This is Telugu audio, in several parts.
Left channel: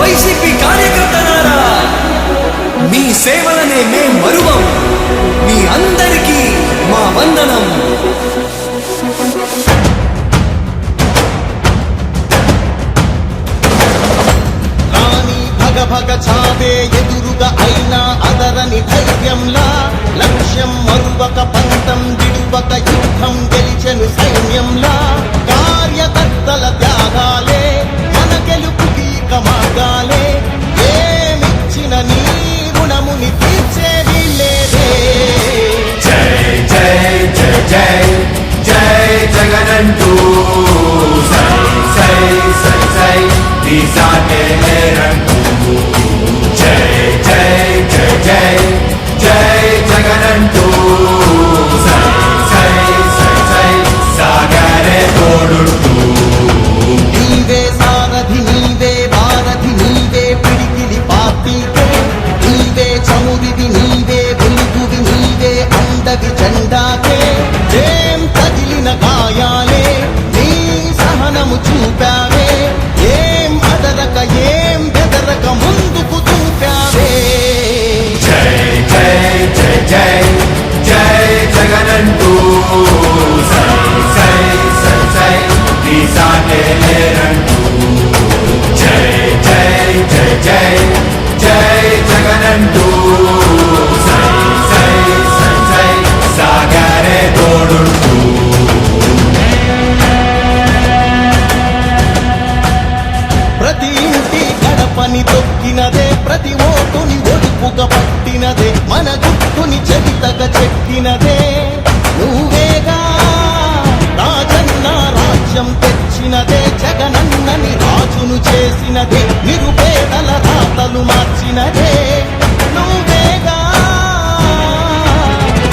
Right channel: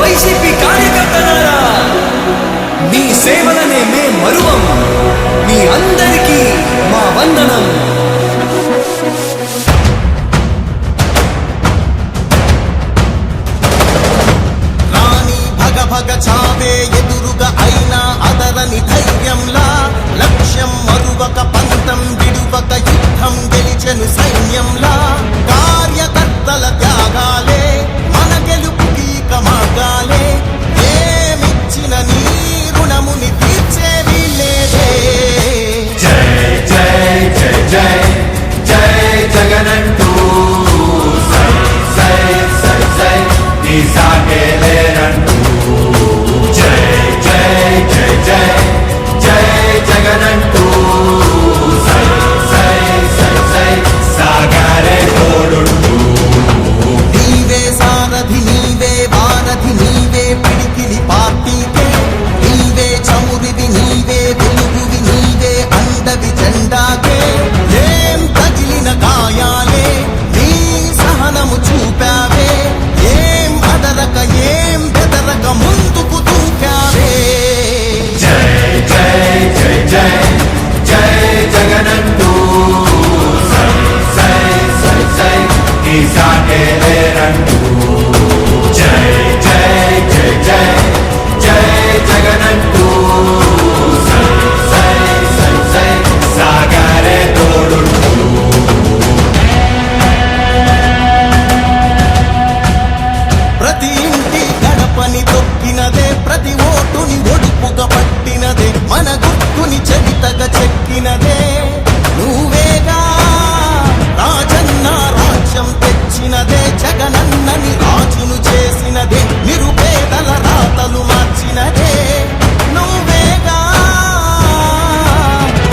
వైసీపీ కార్యకర్తలారా, మీ సేవలనే మే మరువం. మీ అందరికీ మా వందనం. భగ చావే ఎదురుగా అయినా అదరని ధైర్యంలా, లక్ష్యం మరువక పంతం విడువక యుద్ధం గెలిచెను సైన్యంలా. కార్యకర్తల త్యాగాలే మన గెలుపుకీక మార్గాలే. ఏమిచ్చిన నీ రుణముని తీర్చేది లేదే. జై జై జై జై జై జగనంటూ సై సై సై సై ఈ సాగేలేనంటూ. జై జై జై జై జై జగనంటూ సై సై సై సై సాగరే తోడుంటూ. నీవే సారథి నీవే వారధి నీవే పిడికిలి పార్టీకే. నీవే చమురివి నీవే వెలుగువి నీవే అండవి జెండాకే. ఏం తగిలిన గాయాలే నీ సహనము చూపావే. ఏం అదరక ఏం బెదరక ముందుకు చూపావే. జై జై జై జై జై జగనంటూ సై సై సై సై ఈ సాగేలేనంటూ. జై జై జై జై జై జగనంటూ సై సై సై సై సాగరే తోడుంటూ. ప్రతి ఇంటి గడపని తొక్కినదే, ప్రతి ఓటుని ఒడుపుగా పట్టినదే, మన గుర్తుని చరితగా చెక్కినదే నువ్వేగా. రాజన్న రాజ్యం తెచ్చినదే, జగనన్నని రాజును చేసినదే, నిరుపేదల రాతలు మార్చినదే నువ్వేగా.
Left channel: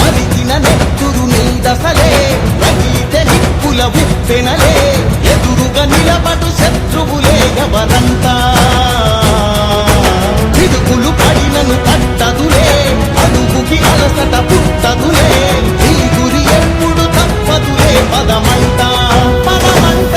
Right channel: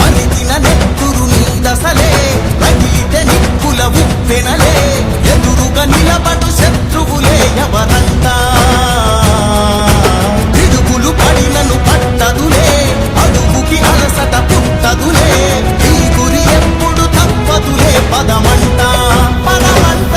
మరిగిన నెత్తురు నీ దశలే, రగిలితే నిప్పుల ఉప్పెనలే. ఎదురుగా నిలబడు శత్రువులే ఎవరంతా. పిడుగులు పడినను పట్టదులే, అడుగుకి అలసట పుట్టదులే. ఈ గురి ఎప్పుడు తప్పదులే, పదమంట పదమంట.